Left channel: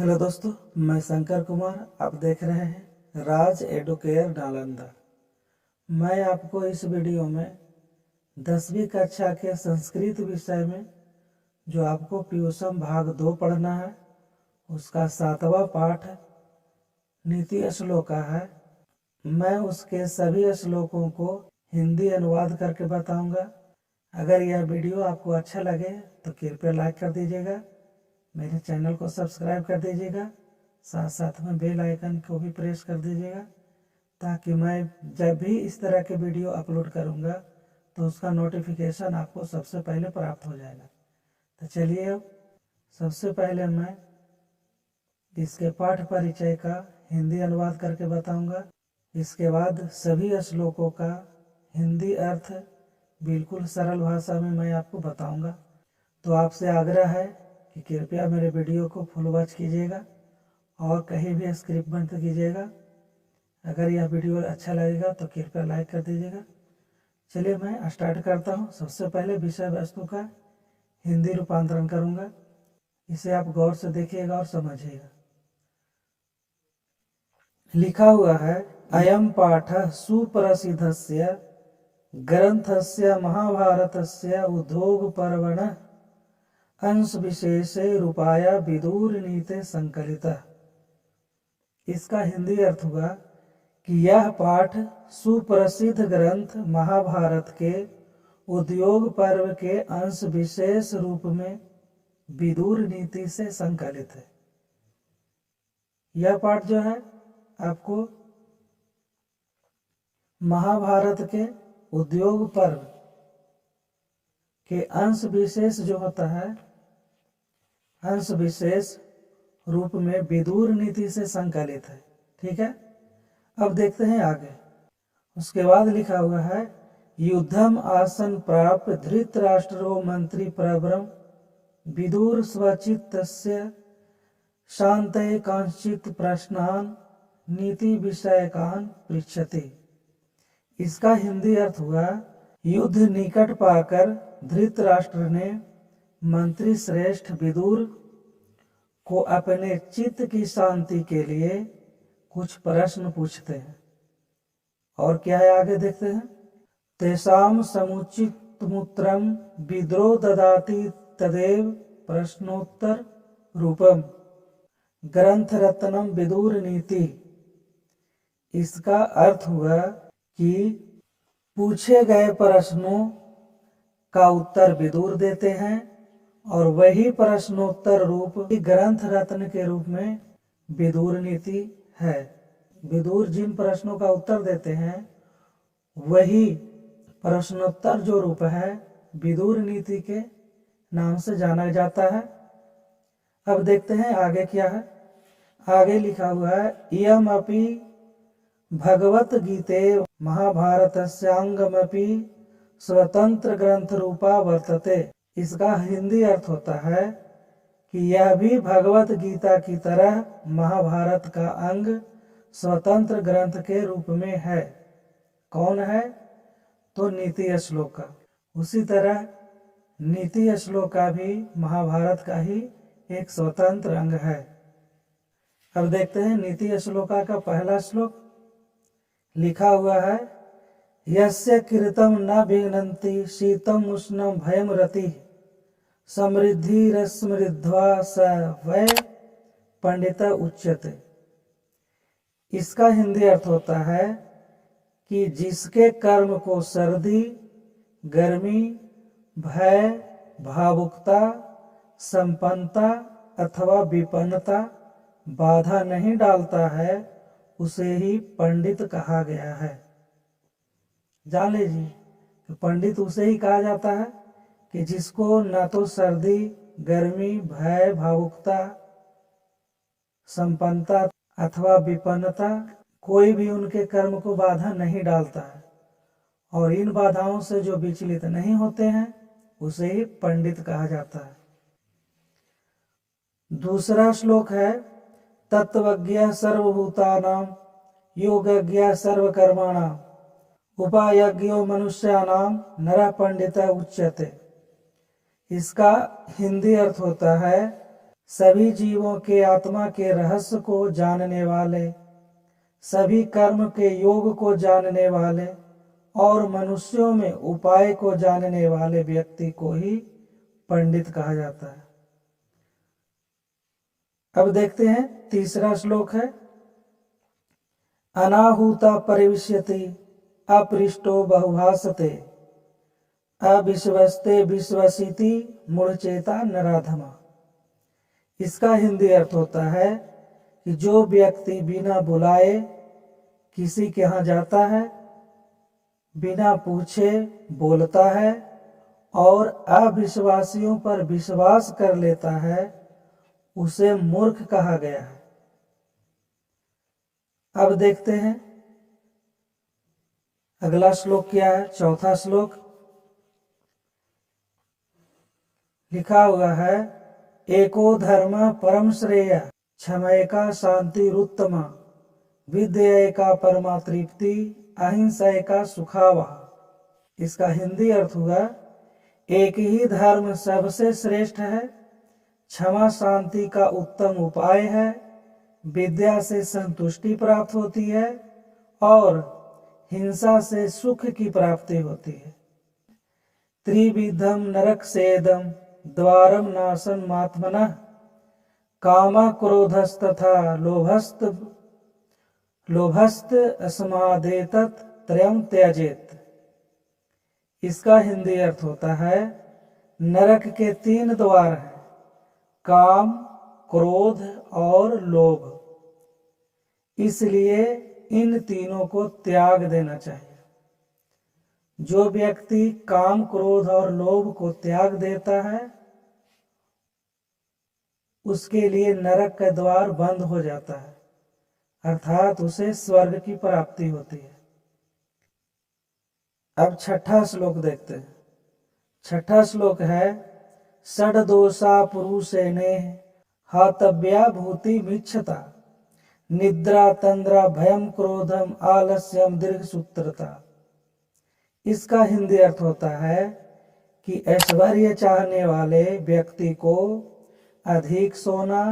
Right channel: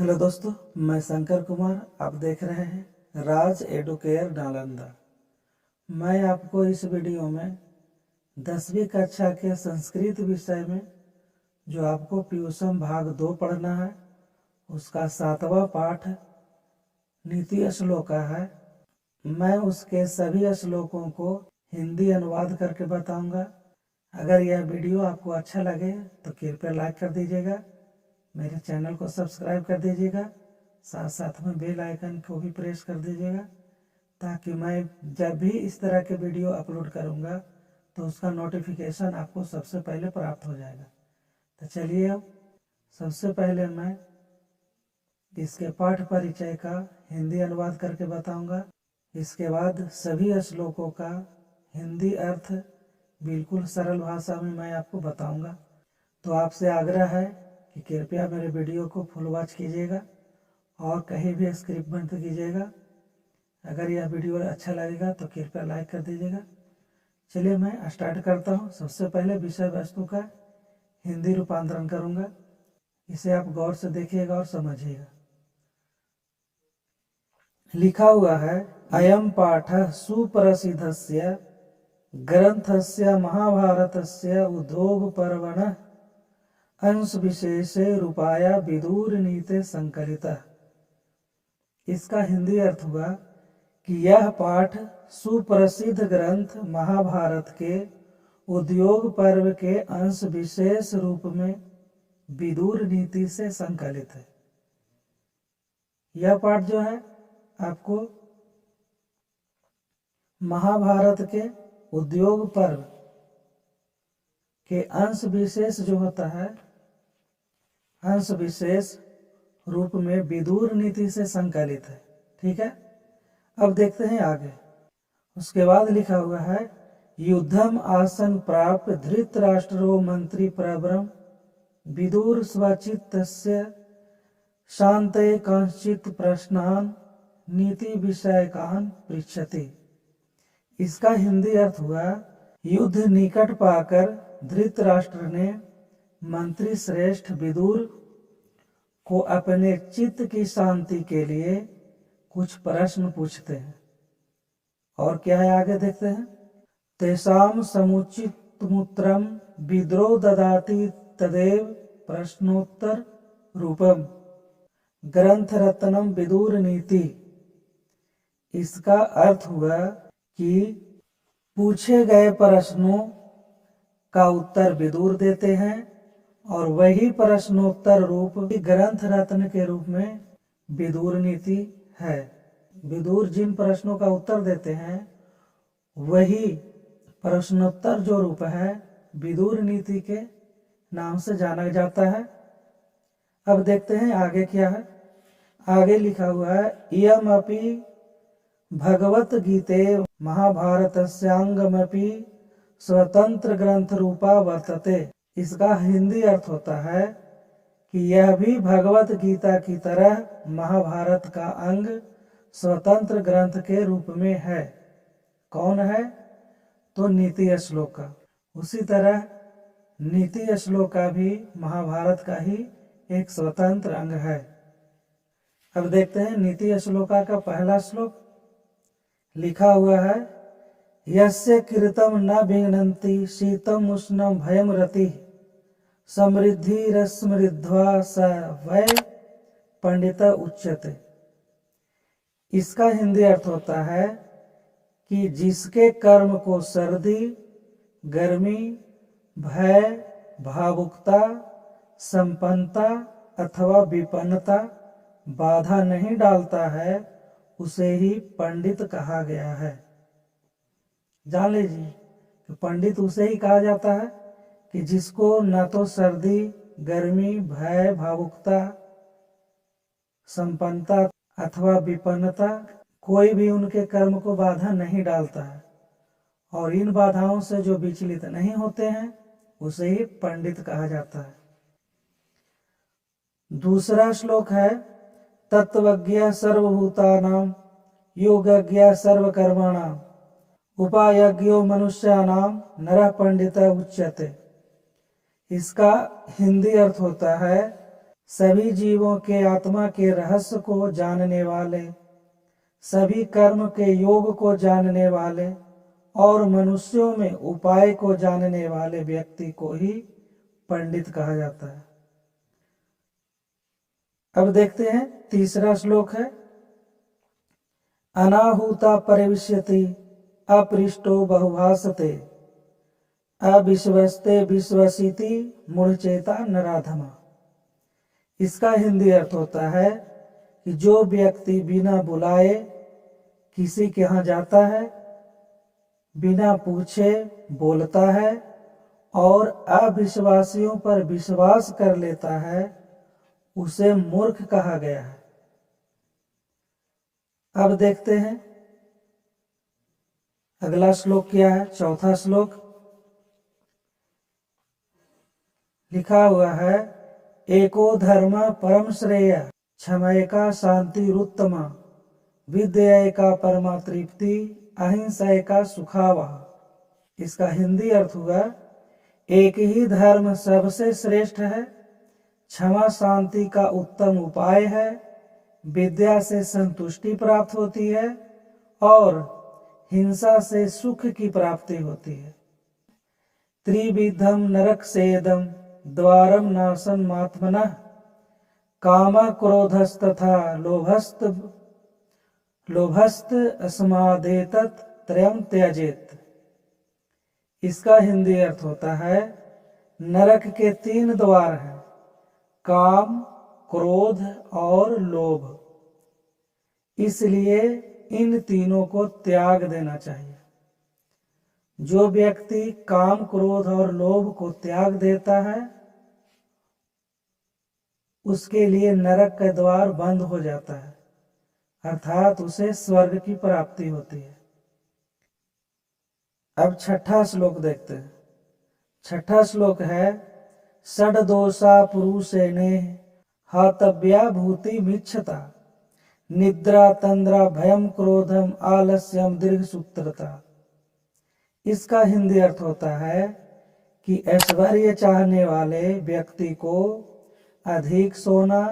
Hello दोस्तों, मैं शंकर कुमार। आप देख रहे हैं राज एडुकेयर नालंदा। मैं आपको इस वीडियो में 10वीं कक्षा के संस्कृत विषय में जो आपको पीयूषम भाग 2 पढ़ना है, उसका 7वां पाठ नीति श्लोका है। मैं उसके सभी श्लोकों को हिंदी अनुवाद करके बताऊंगा। अगर यह वीडियो आपको अच्छा लगे तो कृपया लाइक कर दीजिएगा, मेरे चैनल को सब्सक्राइब कर दीजिएगा, साथ साथ में बेल आइकन को भी प्रेस कर दीजिएगा, ताकि मैं जब भी इस तरह के वीडियो अपलोड करूंगा तो उसका नोटिफिकेशन आपको सबसे पहले प्राप्त हो जाएगा। तो चलिए, अब सबसे पहले मैं इसके पाठ परिचय का हिंदी अनुवाद करके बताऊंगा। इसके बाद सभी श्लोकों का हिंदी अर्थ बिल्कुल सरल भाषा में मैं आपको बताऊंगा। तो आपसे आग्रह है कि कृपया मेरे वीडियो को फुल वॉच कीजिएगा और कहीं भी स्क्रिप्ट बंद कीजिएगा। अगर यह वीडियो अच्छा लगेगा तो कृपया लाइक कर दीजिएगा। चलिए, मैं स्टार्ट करता हूँ। सबसे पहले विषय वस्तु का हिंदी रूपांतरण करूँगा। इसे आप गौर से देखिएगा और समझिएगा। लिखा हुआ है, अयम पाठ सुप्रसिद्धस्य ग्रंथस्य महाभारतस्य उद्योग पर्वणः अंश विशेषे रूपाया विदुर नीते संकलिता। इसका हिंदी अर्थ हुआ कि यह पाठ सुप्रसिद्ध ग्रंथ महाभारत के उद्योग पर्व के अंश विशेष रूप में विदुर नीति से संकलित है। यह पाठ जो है आपको महाभारत के उद्योग पर्व के अंश विशेष जो होता है, अंश विशेष रूप में विदुर नीति से संकलित है। ठीक है, अब देखते हैं आगे। उसके बाद लिखा हुआ है, युद्धम आसन प्राप्त धृतराष्ट्रो मंत्री प्रवरम विदुर स्वचित्तस्य शांते कांचित प्रश्नान नीति विषयकान पृच्छति। इसका हिंदी अर्थ हुआ, युद्ध निकट पाकर धृतराष्ट्र ने मंत्री श्रेष्ठ विदुर को अपने चित्त की शांति के लिए कुछ प्रश्न पूछते हैं। और क्या है, आगे देखते हैं। तेषाम समुचित मूत्रम विद्रो ददाति तदेव प्रश्नोत्तर रूपम ग्रंथ रत्नम विदुर नीति। इसका अर्थ हुआ कि पूछे गए प्रश्नों का उत्तर विदुर देते हैं और वही प्रश्नोत्तर रूप ग्रंथ रत्न के रूप में विदुर नीति है। विदुर जिन प्रश्नों का उत्तर देते हैं वही प्रश्नोत्तर जो रूप है विदुर नीति के नाम से जाना जाता है। अब देखते हैं आगे क्या है। आगे लिखा हुआ है, इयम अपि भगवत गीते महाभारतस्यांगमपि स्वतंत्र ग्रंथ रूपा वर्तते। इसका हिंदी अर्थ होता है कि यह भी भगवत गीता की तरह महाभारत का अंग स्वतंत्र ग्रंथ के रूप में है। कौन है? तो नीति श्लोका। उसी तरह नीति श्लोका भी महाभारत का ही एक स्वतंत्र अंग है। अब देखते हैं नीति श्लोका का पहला श्लोक। लिखा हुआ है, यस्य कृतं न विघ्नन्ति शीतम उष्णम भयम रति समृद्धिरस्मृद्ध्वा स वै पंडित उच्यते। इसका हिंदी अर्थ होता है कि जिसके कर्म को सर्दी, गर्मी, भय, भावुकता, संपन्नता अथवा विपन्नता बाधा नहीं डालता है, उसे ही पंडित कहा गया है। जान लीजिए कि पंडित उसे ही कहा जाता है कि जिसको ना तो सर्दी, गर्मी, भय, भावुकता, संपन्नता अथवा विपन्नता कोई भी उनके कर्म को बाधा नहीं डालता है, और इन बाधाओं से जो विचलित नहीं होते हैं उसे ही पंडित कहा जाता है। दूसरा श्लोक है, तत्वज्ञ सर्वभूतानां योगज्ञ सर्वकर्माणां उपायज्ञो मनुष्याणां नरः पंडित उच्यते। इसका हिंदी अर्थ होता है, सभी जीवों के आत्मा के रहस्य को जानने वाले, सभी कर्म के योग को जानने वाले और मनुष्यों में उपाय को जानने वाले व्यक्ति को ही पंडित कहा जाता है। अब देखते हैं तीसरा श्लोक है, अनाहुता परिविश्यति अपृष्टो बहुभासते अविश्वस्ते विश्वसिति मूढ़चेता नराधमा। इसका हिंदी अर्थ होता है कि जो व्यक्ति बिना बुलाए किसी के यहाँ जाता है, बिना पूछे बोलता है और अविश्वासियों पर विश्वास कर लेता है, उसे मूर्ख कहा गया है। अब देखते हैं अगला श्लोक क्या है। चौथा श्लोक लिखा हुआ है, एको धर्म परम श्रेय क्षमयका शांतिरुत्तमा विद्ययका परमा तृप्ति अहिंसयका सुखावा। इसका हिंदी अर्थ हुआ, एक ही धर्म सबसे श्रेष्ठ है, क्षमा शांति का उत्तम उपाय है, विद्या से संतुष्टि प्राप्त होती है और हिंसा से सुख की प्राप्ति होती है। त्रिविधम नरक सेदम द्वारम नाशन मात्मनः कामः क्रोधस्तथा लोभस्त अस्मादेतत् त्रयं त्यजेत। इसका हिंदी अर्थ होता है, नरक के 3 द्वार हैं, काम, क्रोध और लोभ। इसलिए इन तीनों को त्याग देना चाहिए। जो व्यक्ति काम, क्रोध और लोभ को त्याग देता है, उसके लिए नरक का द्वार बंद हो जाता है, अर्थात उसे स्वर्ग की प्राप्ति होती है। अब छठा श्लोक देखते हैं। छठा श्लोक है, षड्दोषा पुरुषेने हातव्या भूति मिच्छता निद्रा तंद्रा भयम क्रोधम आलस्यम दीर्घ सूत्रता। इसका हिंदी अर्थ होता है कि ऐश्वर्य चाहने वाले व्यक्ति को अधिक सोना,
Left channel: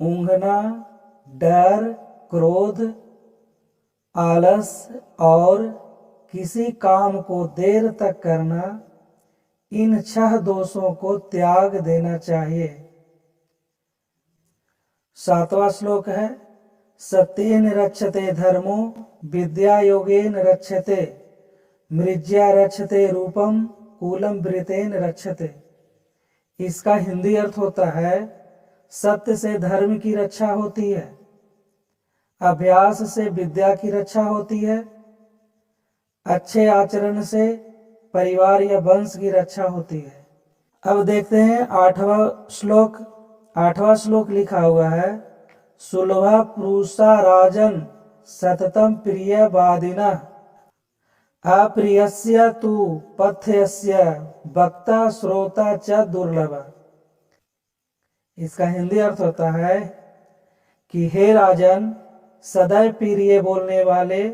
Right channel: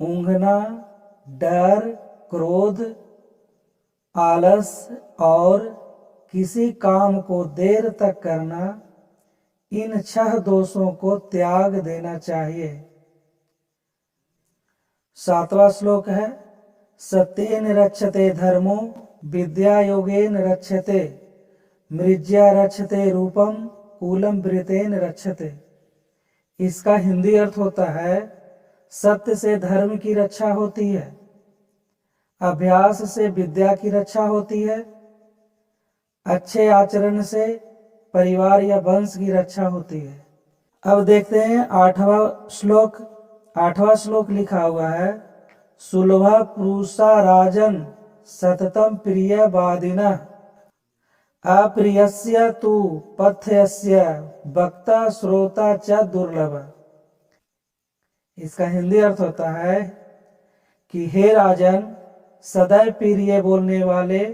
ऊँघना, डर, क्रोध, आलस और किसी काम को देर तक करना, इन 6 दोषों को त्याग देना चाहिए। 7वां श्लोक है, सत्येन रक्षते धर्मो विद्या योगेन रक्षते मृज्या रक्षते रूपम कूलम वृतेन रक्षते। इसका हिंदी अर्थ होता है, सत्य से धर्म की रक्षा होती है, अभ्यास से विद्या की रक्षा होती है, अच्छे आचरण से परिवार या वंश की रक्षा होती है। अब देखते हैं 8वां श्लोक। 8वां श्लोक लिखा हुआ है, सुलभा पुरुषा राजन सततम प्रिय वादिना अप्रियस्य तु पथ्यस्य वक्ता श्रोता च दुर्लभ। इसका हिंदी अर्थ होता है कि हे राजन, सदैव प्रिय बोलने वाले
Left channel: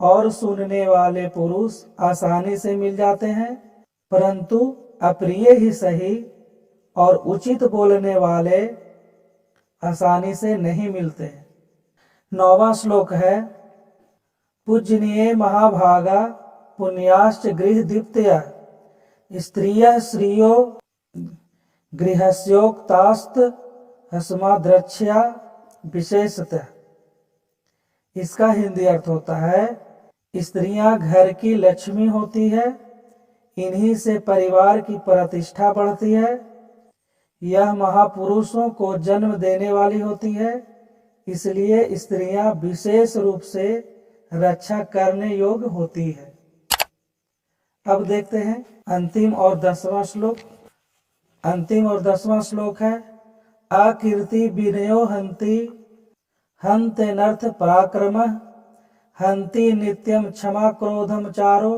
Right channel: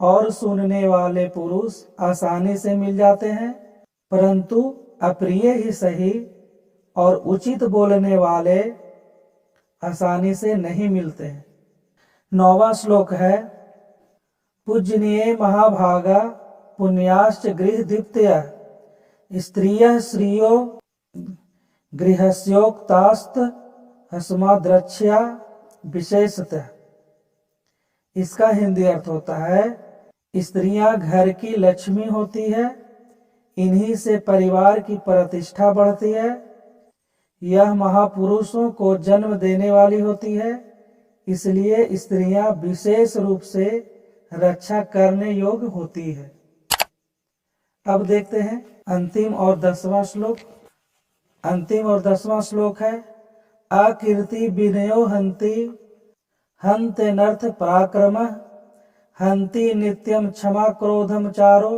और सुनने वाले पुरुष आसानी से मिल जाते हैं, परंतु अप्रिय ही सही और उचित बोलने वाले आसानी से नहीं मिलते हैं। 9वां श्लोक है, पूजनीय महाभागा पुण्याश्च गृह दीप्तया स्त्रियः श्रियो गृहस्योक्तास्त हस्माद्रक्ष्या विशेषतः। इसका हिंदी अर्थ होता है, स्त्रियां घर की लक्ष्मी होती है, इन्हीं से परिवार की प्रतिष्ठा बढ़ती है। यह महापुरुषों को जन्म देने वाली होती है, इसलिए स्त्रियां विशेष रूप से रक्षा करने योग्य होती है। अब देखते हैं अंतिम और 10वां श्लोक। अंतिम और 10वां श्लोक है, अकीर्ति विनयो हंति हन्ते नर्थ पराक्रम हंति नित्यम क्षमा क्रोधम चारो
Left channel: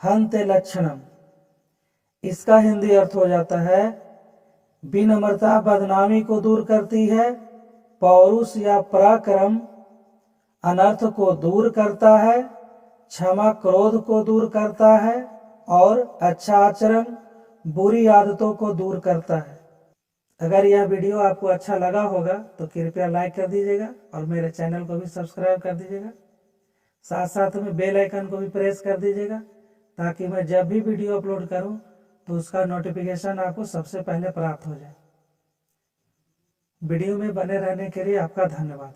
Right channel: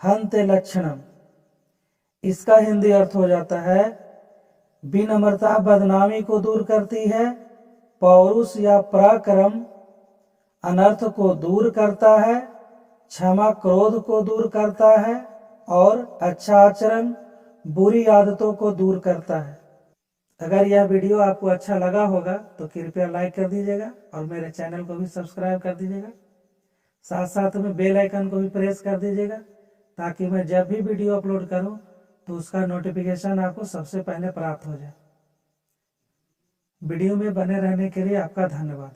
हन्ते लक्षणम। इसका हिंदी अर्थ हो जाता है, विनम्रता बदनामी को दूर करती है, पौरुष या पराक्रम अनर्थ को दूर करता है, क्षमा क्रोध को दूर करता है और अच्छा आचरण बुरी आदतों को दूर करता है। अगर यह वीडियो आपको अच्छा लगा होगा तो कृपया लाइक कर दीजिएगा और मेरे चैनल को भी सब्सक्राइब कर दीजिएगा। साथ साथ में बेल आइकन को भी प्रेस कर दीजिएगा ताकि मैं जब भी वीडियो अपलोड करूं तो उसका नोटिफिकेशन आपको सबसे पहले प्राप्त हो जाए। वीडियो में बने रहने के लिए आपका धन्यवाद।